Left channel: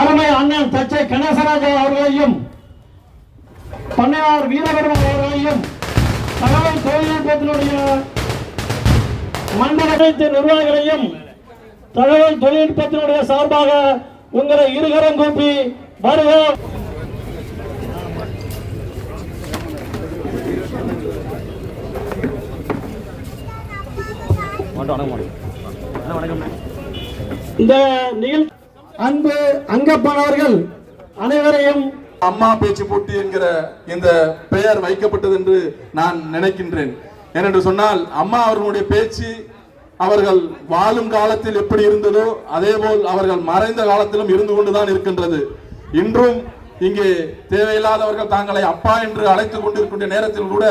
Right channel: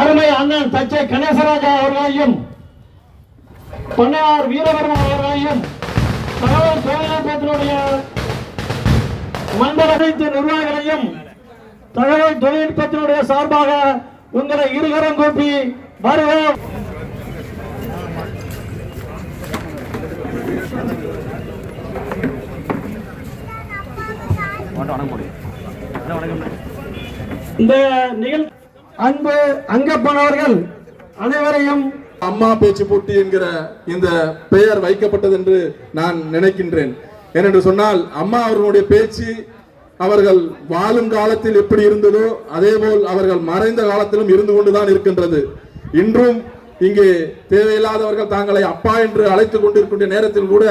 அருமை அண்ணன் தச்சை கணேசராஜா அவர்களையும் பண்ணையார் வீரபெருமாள் அவர்களையும் தகவல் தொழில்நுட்பத்தினுடைய மண்டல அனைத்து நிர்வாகிகளையும் தகவல் தொழில்நுட்பத்தினுடைய சார்பாக உங்களை இருகரம் கூப்பி வருக. இந்த நிகழ்ச்சி அன்பு அங்கப்பனவர்கள் அனைவரையும் அம்மா பேச்சு போட்டி என்கிற இந்த பெயர் வைக்கப்பட்டது என்று நான் நினைக்கின்றேன். ஏனென்று சொன்னால் அம்மா அவர்களுடைய பேச்சு அவர்கள் வாழும் காலத்தில் எப்படி இருந்ததோ அதேபோல் அவர்கள் மறைந்த காலத்திலும் இருந்து கொண்டுதான் இருக்கின்றது. இன்றும் இங்கே தேவையில்லாதவர்கள் தாங்களை அப்பா என்று அழைத்துக் கொண்டிருக்கின்ற நேரத்தில் கூட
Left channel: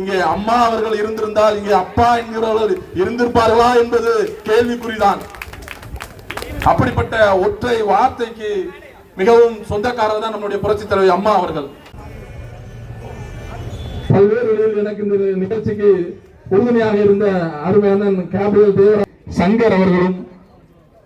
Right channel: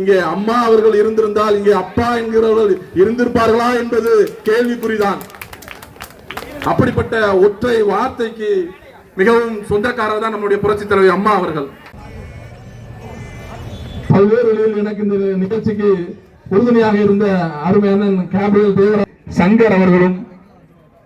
இங்கே அம்மா அவர்கள் இருந்திருந்தால் இங்கே அப்பா என்கிறவர்கள் இருந்திருப்பார்களா என்பது கேள்விக்குறிதான். அப்படிப்பட்ட ஒற்றை வார்த்தைக்கு மிகவும் சொந்தக்காரர் தான் நம்முடைய புரட்சித் தலைவி அம்மா அவர்கள். பல்வேறு வழியில் எனக்கு இந்த நிகழ்ச்சிக்கு உறுதுணையாக இருந்த அருமையான கேபிரியல் தேவராஜ் சங்கர் அவர்களும்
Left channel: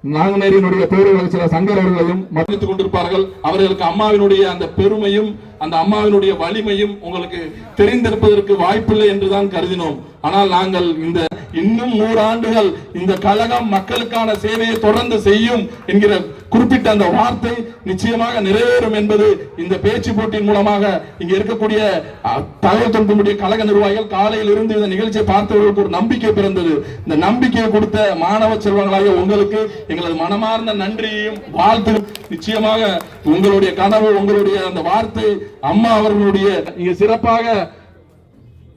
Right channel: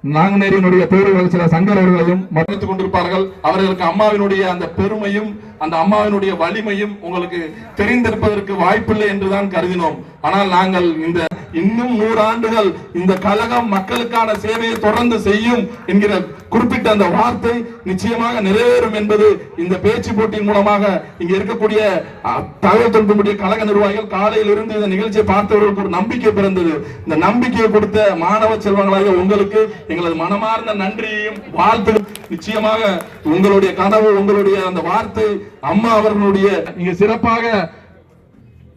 நாங்குநேரியினுடைய பேரவைகள் சில சங்கர் அவர்களையும் மன்னித்துக் கொண்டிருப்பார்கள். அவர்களுக்கு அம்மாவினுடைய அந்த பெருமையும் அந்த அம்மாவினுடைய வலிமையும் உங்களுக்கு தெரிந்திருப்பதற்கு வாய்ப்பில்லை என்றுதான் கருதினோம். ஆனால் நாங்கள் இந்த இன்னும் 100 ஆண்டுகள் இந்த கழகம் மக்களுக்கான சேவையை தொடர்ந்து செய்யும் என்கிற குறிப்பிட்ட அந்த வார்த்தை நிச்சயமாக நிறைவேறும் என்பது இந்த பேச்சு போட்டியின் மூலமாக இங்க இருக்கக்கூடிய தகவல் தொழில்நுட்ப கழக நிர்வாகிகள் காலையில் இருந்து இந்த நிகழ்ச்சியை பார்த்தவர்களுக்கு ஒரு நம்பிக்கை பிறந்தது. இந்த நம்பிக்கையை கொடுத்த மாணவ செல்வங்களாக உங்களுக்கு எங்களது மனமார்ந்த நன்றியையும் வாழ்த்தும். நிச்சயமாக உங்களுடைய கனவு உங்களுடைய அந்த வார்த்தை அம்மா அவர்களுடைய இங்க சிறப்பாக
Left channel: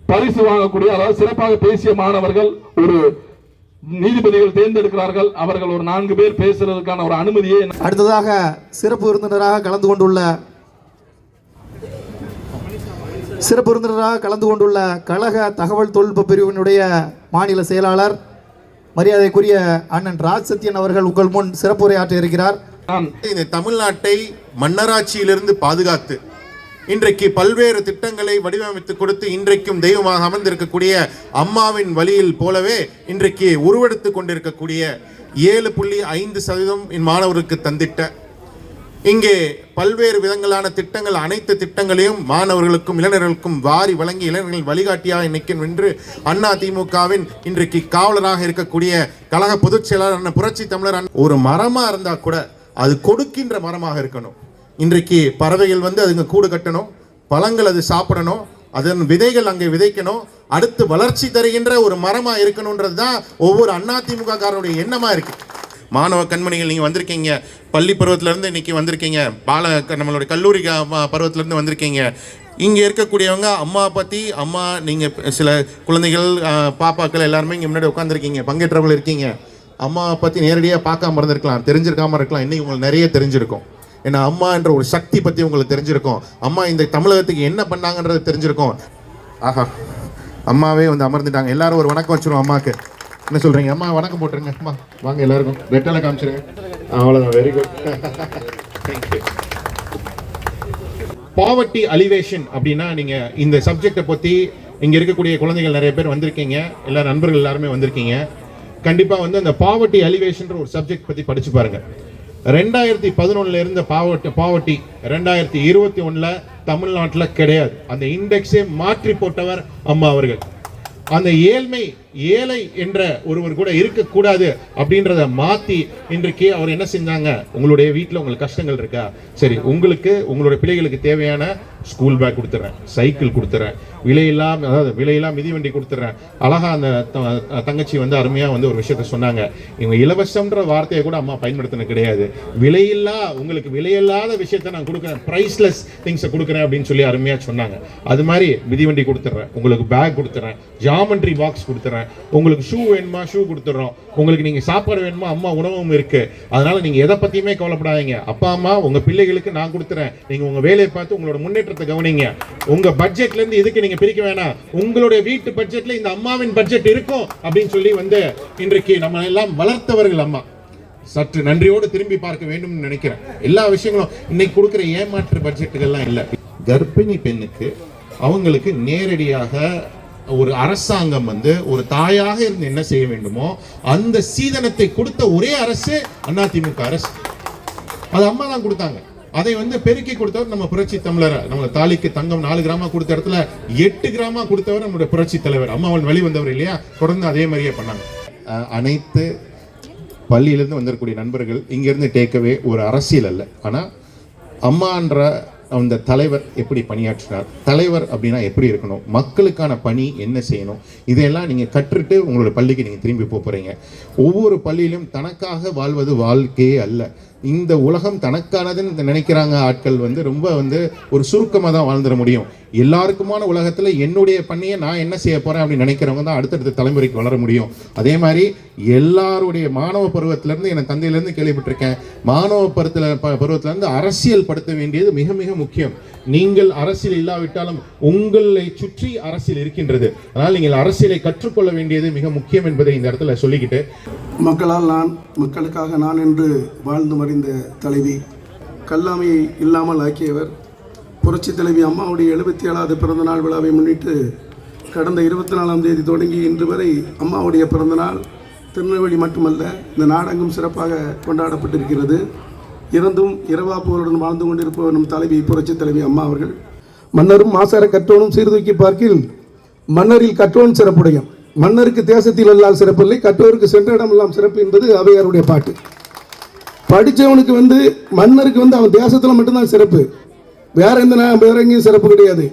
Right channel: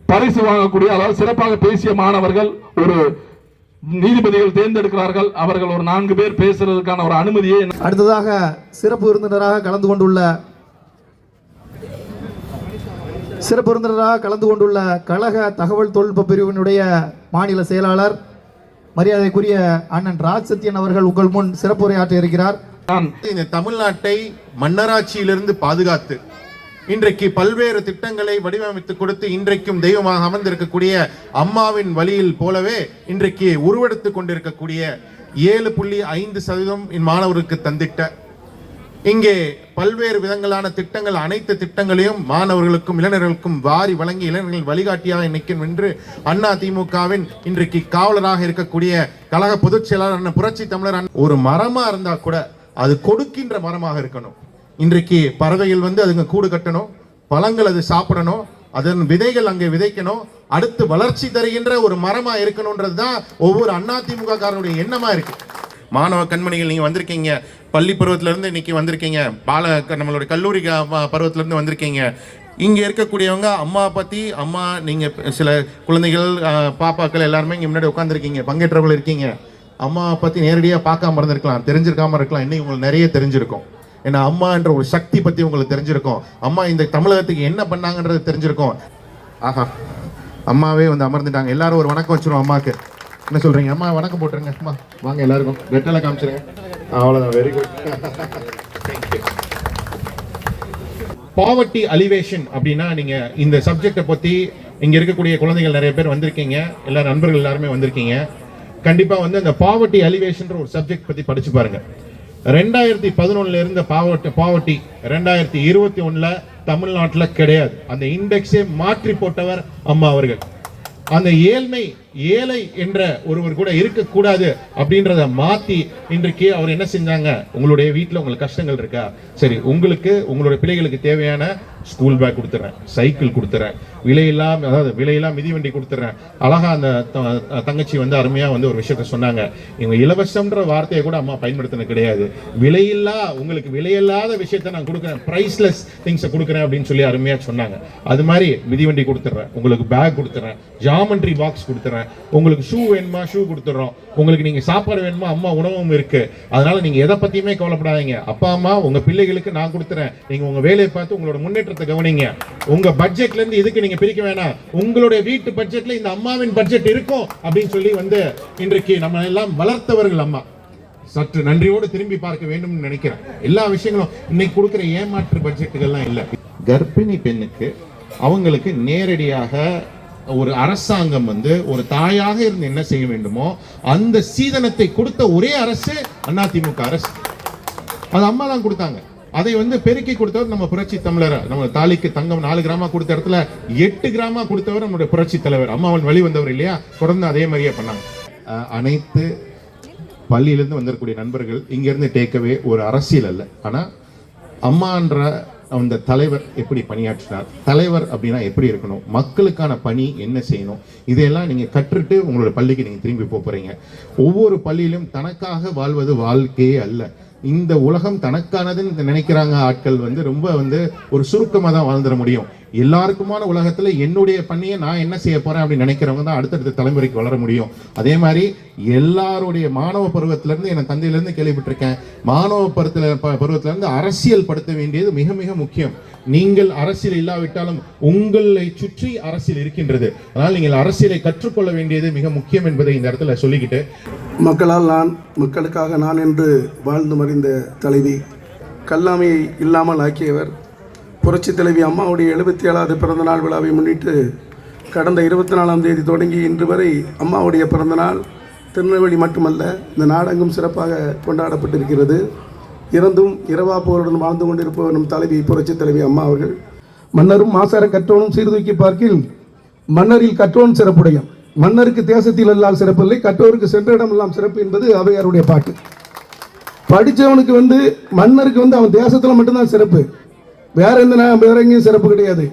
பரிசு வாங்கக்கூடிய அதாவது சிறப்பாக பேசிய மாணவர்கள் ஒரு நீதிபதிகள் தேர்ந்தெடுக்கிறார்கள். அவர்கள் ஒரு 4 பேர் பேசுறதுக்கான ஒரு அனுமதியை. அடுத்ததாக சிறப்பு விருந்தினராக கலந்து கொண்டுள்ள கழக தகவல் தொழில்நுட்ப பிரிவினுடைய மாநில செயலாளர் மரியாதைக்குரிய அண்ணன் ராஜ் சத்யன் அவர்கள் உங்கள் முன் சிறப்புரையாற்ற இருக்கிறார். இந்த தமிழ்நாட்டை மன்னராட்சியிலிருந்து பாதுகாத்து இன்றைக்கு பல்வேறு திட்டங்களை வடிவமைத்து கொடுத்து இன்றைக்கும் தெய்வமாக அமர்ந்திருக்கக்கூடிய அம்மாவின் வழியில் போலவே இன்றைக்கு உருவெடுத்துக் கொண்டிருக்கக்கூடிய 7.5% மாணவருக்கு தந்திட்ட இங்கே பல்வேறு விதங்களான திட்டங்கள் அனைத்து திட்டங்களையும் மாணவர்களுக்கும் இளைஞர்களுக்கும் வாரி வழங்கி இளைஞர்கள் வழிகாட்டியாக நிற்கும் என்று அண்ணா திமுகவின் இன்றைக்கு காவலராக இருக்கக்கூடிய கழக பொதுச் செயலாளர் புரட்சி தமிழர் ஒரு மரமா இருந்தா கூட அது கொடுக்கின்ற மரமாக இருக்கணும். இன்றைக்கு பறவைகள் வந்து அதுங்க கூடு கட்டணும், பழங்கள் அது சாப்பிடணும், அதன் விதைகள் அங்கே விதைக்கணும், அடுத்து வளர்ச்சி தருகின்ற ஒரு மரமா இருக்கணும்ன்றது தான் ஒவ்வொரு அதிமுக காரனுடைய எண்ணமா இருக்கு. மாணவ கண்மணிகள் நீங்க வந்திருக்கீங்க, பள்ளி பருவத்திலிருந்து இன்னைக்கு வந்திருக்கீங்க, நம்மளுடைய கல்லூரி பருவத்திலிருந்து வந்திருக்கீங்க. இங்க இருக்கக்கூடியவங்க அம்மா பத்தி அம்மா நீங்க சில குழந்தைகள் பாப்பாக்கள் எல்லாருமே இங்க முன்னாடி உட்காந்துருக்கீங்க, பங்கேற்றவர்கள் இருக்கீங்க. அம்மா பத்தி நேரடியாக பார்க்காம இருந்திருக்கலாம், தெரிஞ்சிருக்காம இருக்கலாம், இன்னைக்கு உங்களுக்கு நிறைய தெரிஞ்சிருக்கும். ஏன்னா அம்மா என்ற ஒரு சக்தி பத்தி உங்களுக்கு தெரிஞ்சிருக்கும், அம்மா இந்த தமிழகத்துக்கு என்ன பண்ணாங்கன்றது தெரிஞ்சிருக்கும். ஆஹா, அம்மாவே வந்து அமர்ந்துட்டாங்க. எல்லாரும் ஒரு வணக்கம் வச்சிருவோம் அம்மாவுக்கு. என்ன சொல்றீங்க அம்மா? வணக்கம் போட்டுருங்க அம்மா, வாங்க எல்லாருக்கும் வெட்டலை காமிச்சிருங்க. அவ்வளவுதான், வெரி குட். பாவர்ட்டி அலிவேஷன் அப்படின்னா நீங்க இந்த சப்ஜெக்டை பத்தி இங்க இருக்கக்கூடிய குழந்தைகள் நிறைய பேர் வந்திருக்கீங்க, எல்லா நண்பர்கள் எல்லாருமே வந்திருக்கீங்க. கண்டிப்பா வந்து அந்த பாவர்ட்டி அலிவேஷன் ஒரு சப்ஜெக்ட் பத்தி படிச்சு பாருங்க. 2011 இருந்த பாவர்ட்டி 2021 தமிழ்நாட்டில் கிடையாது. அந்த இண்டெக்ஸை மாற்றி போட்டவர் அம்மா அவர்கள். அந்த ஏழ்மை ஏழை என்ற ஒருவர் கூட இருக்கக்கூடாது அப்படின்றத மாத்தி இன்றைக்கு அவர் என்ன செஞ்சாங்க, உங்களுடைய வீட்டில் உங்களுக்கு கஷ்டங்கள் இருக்கா, சரி உங்களுக்கு உங்களுடைய பிள்ளைகளுக்கு தேவையான ஸ்கூல் பேக் கொடுத்துறேன், சைக்கிள் கொடுத்துறேன், விலையெல்லாம் மிதிவண்டி கொடுத்துறேன். அழகா அந்த தங்கச்சி வந்து அருமையா வந்து ஒரு விஷயத்த சொன்னாங்க. இவங்க இலவசம்ன்ற வார்த்தையை கூட அம்மா பயன்படுத்தின கிடையாது. உங்களுக்கு விலையில்லாத விஷயத்த நான் கொடுக்குறேன், பிரைஸ்லெஸ் திங்ஸை கொடுக்குறேன் அப்படின்னு சொல்லி அருமையா சொன்னாங்க. அது மாதிரி மிதிவண்டி கொடுத்துறேன், உங்களுக்கு பேக் கொடுத்துறேன், ஜாமெண்ட்ரி பாக்ஸ் கொடுத்துறேன், உங்களுக்கு ஷூ வேணுமா ஷூ கொடுத்துறோம், உங்களுக்கு நீங்க சாப்பாடு வேணுமா அம்மா உணவும் இருக்கு. அதனால நீங்க எதை பத்தியுமே கவலைப்படாதீங்க. அப்பா அம்மா உங்க பிள்ளைகளுக்கு நான் கொடுத்துறேன், நீங்க உங்க வேலையை பார்த்து உங்களோட முன்னேற்றத்தை கவனிங்க. உங்க பட்ஜெட்ல இருந்து இதுக்கு நீங்க பிரிக்க வேணாம், உங்களுடைய வீட்டு பட்ஜெட்ல இந்த அம்மாவின் பட்ஜெட் இருக்கும் அப்படின்னு சொல்லி வந்து இன்றைக்கு நம்ம எல்லாம் வளர்த்தவர்கள் அம்மா. சற்று நன்றியோடு திரும்பி பார்க்க வேண்டும் நினைக்கிறேன். எல்லா விஷயங்களும் இன்னைக்கு கொடுக்கிற ஏமாற்று பட்ஜெட்டுகள்லாம் இல்லை. கர்ப்பிணி பெண்ணுக்கு அவங்களுக்கு நேரடியாக ஒரு அரசாங்கம் வந்து ஒரு தாயாக இருந்து என்ன செய்ய வேண்டுமோ அந்த சீதனத்தை கொடுத்த ஒரே அரசு அதிமுக அரசு. அது அம்மா தான் கொடுத்தாங்க. அதை வந்து பெருக்கி கொடுத்தவர் நம்ம புரட்சி தமிழர். நம்ம தாலிக்கு தங்கம் 4 கிராமா கொடுத்த இடத்துல 8 கிராமா கொடுத்தவர் நம்முடைய புரட்சி தலைவர். அம்மாவன் வெளிவந்தவர் இல்லையா, தொடர்ந்து அதே மாதிரியே பண்ணாங்க. அனைத்து பள்ளியிலிருந்து வந்திருக்கக்கூடிய நண்பர்கள் இங்கிருந்து டேக்கவே ஒரு அரசியல் அல்ல, ஆனா அம்மான்ற அந்த தலைவர் எப்படி பணியாற்றினார், தலைவர் அப்படின்னா எப்படி இருக்கணும், மக்களுக்கான பணி என்ன செய்யணும், இதையெல்லாம் நீங்க கற்றுட்டு உங்களோட பள்ளிக்கு நீங்க திரும்பி போறீங்க. ஒவ்வொரு பள்ளியிலும் தனக்காக வாழ்வது வாழ்க்கையே அல்ல. இந்த உலகம் தனக்கானதுன்னு நினைக்கிறாங்க ஆட்கள் வந்து ரொம்ப வந்து ஒரு சுருக்கமாக தான் வாழ்ந்துட முடியும். எல்லாருக்குமான உலகத்துல என்னுடைய பணியை நான் என்ன செய்ய போறேன் அப்படின்னு நினைக்கிறவங்க தான் அடுத்தடுத்த தலைமுறைக்கு வளர முடியும். அதே மாதிரி எல்லாருடைய மாணவ பருவத்திலிருந்து என் தந்தையிலிருந்து கேள்விப்பட்டிருக்கேன், மாணவ பருவத்திலிருந்து அரசியல் படுத்த வேண்டியது மிக மிக முக்கியம். நீங்கள் அரசியல் இல்லாவிட்டாலும் உங்களை சுற்றி அரசியல் இருக்கின்றது. அதனால் நீங்கள் அரசியலை கற்றுக்கொள்ள வேண்டியது மிக முக்கியம் என்பதை இந்த இடத்துல சொல்லிக்கிட்டு, மக்களால் நான், மக்களுக்காக நான் என்று வாழ்ந்து மறைந்த தலைவி, கல்லாமையை இல்லாமல் ஆக்கியவர், புரட்சி தலைவி அம்மாவுடைய 77வது பிறந்தநாள் விழாவை முன்னிட்டு கடந்த 24ஆம் தேதி தொடங்கி இன்று வரை அம்மாவுடைய பிறந்தநாள் திருநெல்வேலி மட்டுமல்ல இந்த நாடெங்கும் சிறப்பாக கொண்டாடப்பட்டிருக்கிறது. இறந்தும் இரவா போருடன் வாழ்ந்து கொண்டிருப்பவர் நம் தலைவி புரட்சி தலைவி அம்மா அவர்கள். மன்னரும் மாசார கற்றோனும் சீர்தூக்கி பார்க்கில் மன்னரில் கற்றோன் சிறப்புடையும், மன்னருக்கு தேசத்தில் எல்லாம் சிறப்பில்லை, கற்றோருக்கு சென்ற இடம் எல்லாம் சிறப்பு என்பது அவையாருடைய பாட்டு. படித்தவனுக்கு வந்து மன்னருக்கு வந்து அவன் தேசத்தில் மட்டும்தான் சிறப்பு, வேற எங்கேயும் சிறப்பு கிடையாது.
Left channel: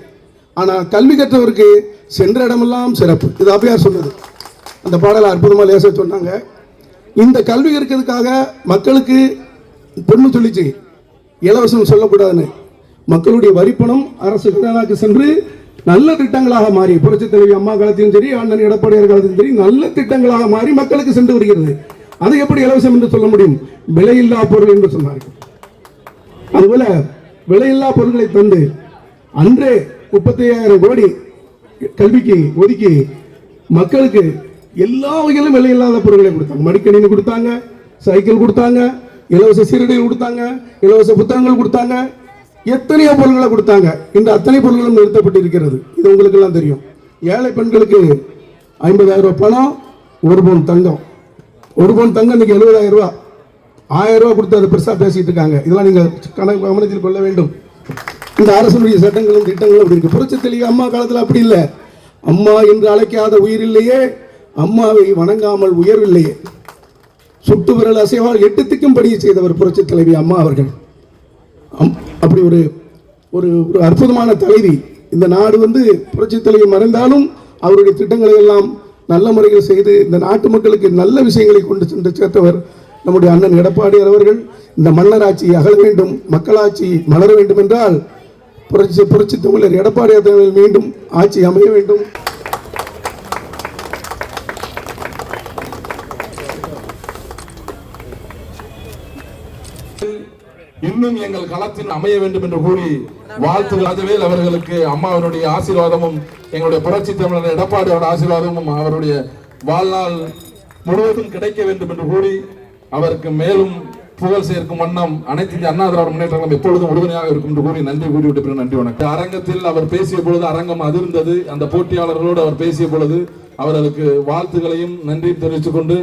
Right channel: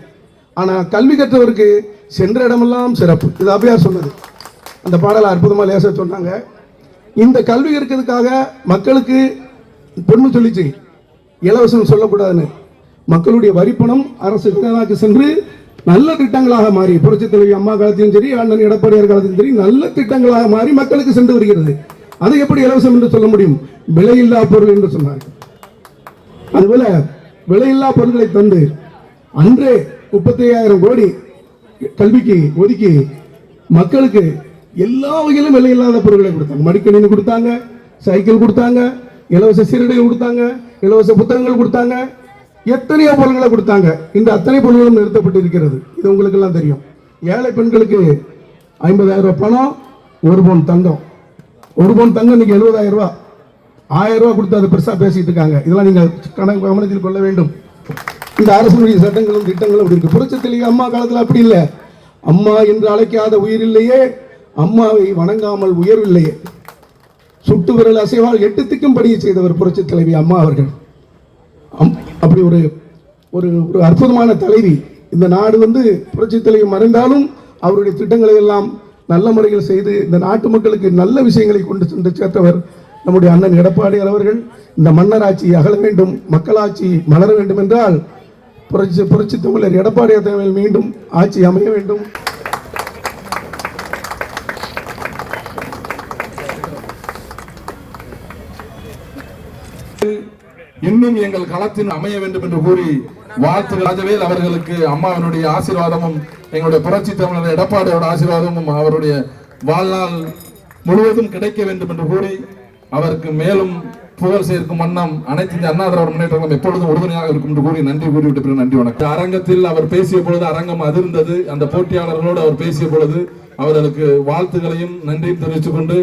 ஆனால் கல்வி கற்றவருக்கு சென்ற இடமெல்லாம் சிறப்பு, இது அவையார் சொன்னது. அந்த பாடலை அற்புதமாக லேச சொன்னாங்க. இந்த கல்வி இருக்கிறதுக்காக மக்களுக்கு பொண்ணு சொல்லிச்சு இலவசம் சொல்லக்கூடாதுன்னு, மக்களுடைய வரிப்பணம் அரசு கடனாக்கு சென்று நல்ல திட்டங்களாக மாறி, புரட்சி தலைவி அம்மா காலத்திலும் சரி, அண்ணன் எடப்பாடியார் காலத்திலும் சரி, நல்ல திட்டங்களாக மாறி மக்களுக்கு சென்று வருகிறது. அதை எப்படி இலவசம் என்று சொல்ல முடியும்? விலையில்லா பொருள் என்று சொன்னார்கள். அதுபோல விலையில்லா பொருட்களை தந்து அன்றே 35,000 கோடி கல்விக்கு ஒதுக்கி மக்களுக்கு எல்லா வகையிலும் விலையில்லாத பொருட்களை கொடுத்தாங்க. மடிக்கணினி கொடுத்தாங்க, சைக்கிள் கொடுத்தாங்க, இலவச சீருடைகள் கொடுத்தாங்க, இலவச புத்தகங்கள் கொடுத்தாங்க, எத்தனையோ பொருட்களை கொடுத்தாங்க. இந்த அத்தனை பொருட்களும் நிறுத்தப்பட்டு இருக்கிறது. இது உங்களுக்கு எல்லாம் தெரியும். ஏழை பெண்களுக்கு 50,000 ரூபாய் பணம், 1 பவுன் தங்கம். 1 பவுன் தங்கம் இன்னைக்கு 70,000 ரூபாய். 1000 ரூபாய் கொடுத்து அது பெருசா பேசிட்டு இருக்காங்க. இதெல்லாம் நீங்க கவனத்தில் கொள்ள வேண்டும். இந்த அரசுடைய சட்டங்களும் திட்டங்களும் அப்படி இருக்கு. புரட்சி தலைவி அம்மா காலத்தில் அப்படி இல்லை. அம்மா என்று அழைக்காத உயிர் இல்லையே, அம்மாவை வணங்காமல் உயர்வில்லையே. சுட்டு விரல் அசைவால் 8 திக்கும் படிய செய்தவர் புரட்சி தலைவி அம்மா அவர்கள். அப்படி ஒரு ஒரு அற்புதமான தலைவி. இந்த நாடு வந்து புரட்சி தலைவி மறைந்தாலும் அவருடைய திட்டங்களை எல்லாம் நல்ல முறையில் செய்து இந்த நாட்டு மக்களுக்கு நல்ல விஷயங்களை கொண்டு சென்று சேர்த்தவர் நம்முடைய அண்ணன் எடப்பாடியார் அவர்கள். இந்த மன்னராட்சி அகல வேண்டும், மக்களாட்சி மலர வேண்டும் என்றால் புரட்சி தமிழர் எடப்பாடியார் மீண்டும் ஆட்சி அமைய வேண்டும். இன்னும் எங்கள் களத்தில் அமைய வேண்டும் என்று கூறி வாழ்த்து ராஜவேல் அவர்களுக்கு அம்மாவனுடைய ஆசீர்வாதமும் எங்களுடைய புரட்சி தமிழர் எடப்பாடியோட ஆசீர்வாதமும் அவருடைய வாழ்நாள் முழுவதும் கிடைக்க வேண்டும் என்று கூறி அவருக்கு மேலும் புகழ் சேர்க்கும் வண்ணம் அனைத்து இந்திய அண்ணா திராவிட முன்னேற்ற கழகம் எப்பொழுதும் உறுதுணையாக இருக்கும் என்று கூறி நன்றி கூறிவிட்டு பிறகு நன்றி வணக்கம். அரங்கத்தில் அவர் பேசிய பொழுது அரங்கம் அதிர்ந்தது. அந்த போட்டியாளர்களோடு அவர் பேசிய பொழுது அவர்களுக்கு வாழ்த்துக்களையும் நன்றியும் தெரிவித்துக் கொண்டு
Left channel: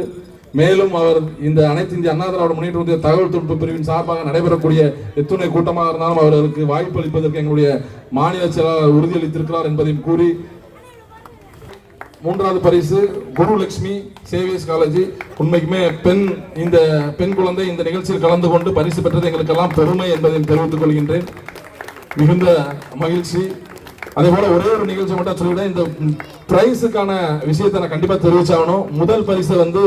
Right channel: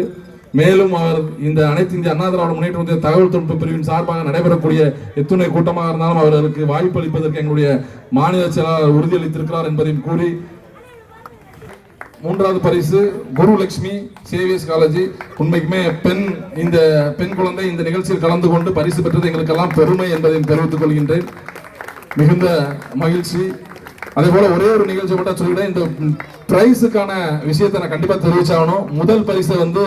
மேலும் அவர் இந்த அனைத்து இந்திய அண்ணா திராவிட முன்னேற்ற தகவல் தொழில்நுட்ப பிரிவின் சார்பாக நடைபெறக்கூடிய எத்துணை கூட்டமாக இருந்தாலும் அவர்களுக்கு வாய்ப்பளிப்பதற்கு எங்களுடைய மாநில செயலாளர் உறுதியளித்திருக்கிறார் என்பதையும் கூறி மூன்றாவது பரிசு குருலட்சுமி சேவியர்ஸ் காலேஜ். உண்மைக்குமே இந்த பெண் குழந்தை இந்த நிகழ்ச்சியில் கலந்து கொண்டு பரிசு பெற்றது எங்களுக்கெல்லாம் பெருமை என்பதை தெரிவித்துக் கொள்கின்றேன். மிகுந்த மகிழ்ச்சி. அதே போல ஒரே ஒரு நிகழ்ச்சி மட்டும் சொல்லிவிட்டேன். இந்த பிரைஸுக்கான விஷயத்தை நான் கண்டிப்பா தெரிவிச்சாகணும். முதல் பரிசு வந்து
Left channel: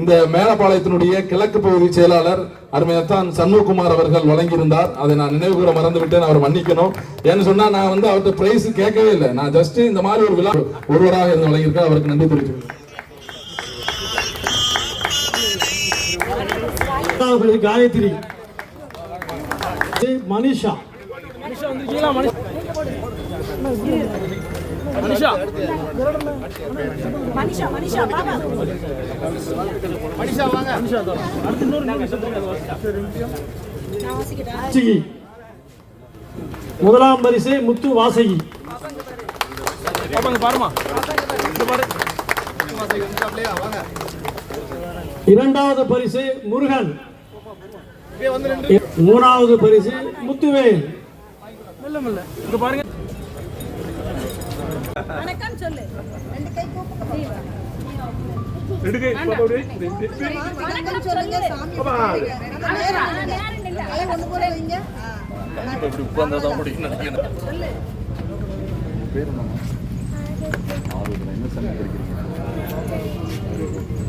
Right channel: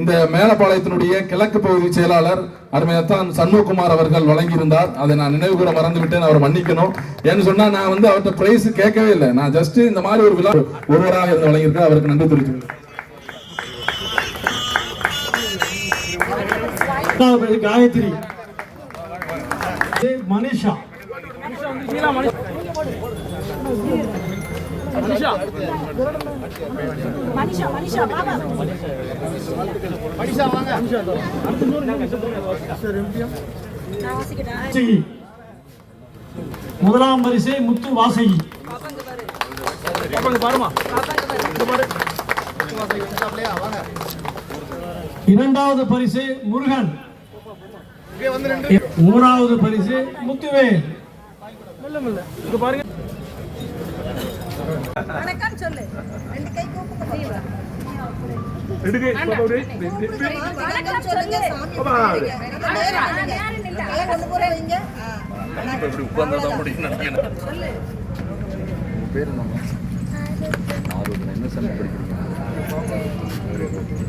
இந்த மேலப்பாளையத்தினுடைய கிழக்கு பகுதி செயலாளர் அருமையத்தான் சண்முககுமார் அவர்கள் வழங்கியிருந்தார். அதை நான் நினைவு கூட மறந்து விட்டேன், அவர் மன்னிக்கணும். ஏன்னு சொன்னா நான் வந்து அவர்கிட்ட பிரைஸ் கேட்கவே இல்லை. நான் ஜஸ்ட் இந்த மாதிரி ஒரு விழா ஒருவராக இருந்து வழங்கியிருக்கேன். அவருக்கு நன்றி தெரிவித்துள்ளேன். காயத்ரி, மனிஷா, முதலாம் பரிசு முத்து வாசகி. இரண்டாவது பரிசு முருகன். மூணாவது பரிசு முத்துவேல். வணக்கம் சொல்லு. ரெண்டு கை கூப்பிட்டு வணக்கம் சொல்லுங்க. சாமி ஒண்ணு போல நீங்க கண்டிப்பா இப்படி உட்கார்ந்தாதான் முடியும் நினைக்கிறேன். உங்க பேர் என்னம்மா? என்ன சென்ட் படிக்கிறீங்க?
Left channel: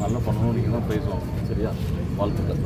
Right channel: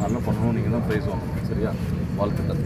நல்லா பண்ணணும். நீங்க தான் பேசுவாங்க. சரியா? வாழ்த்துக்கள்.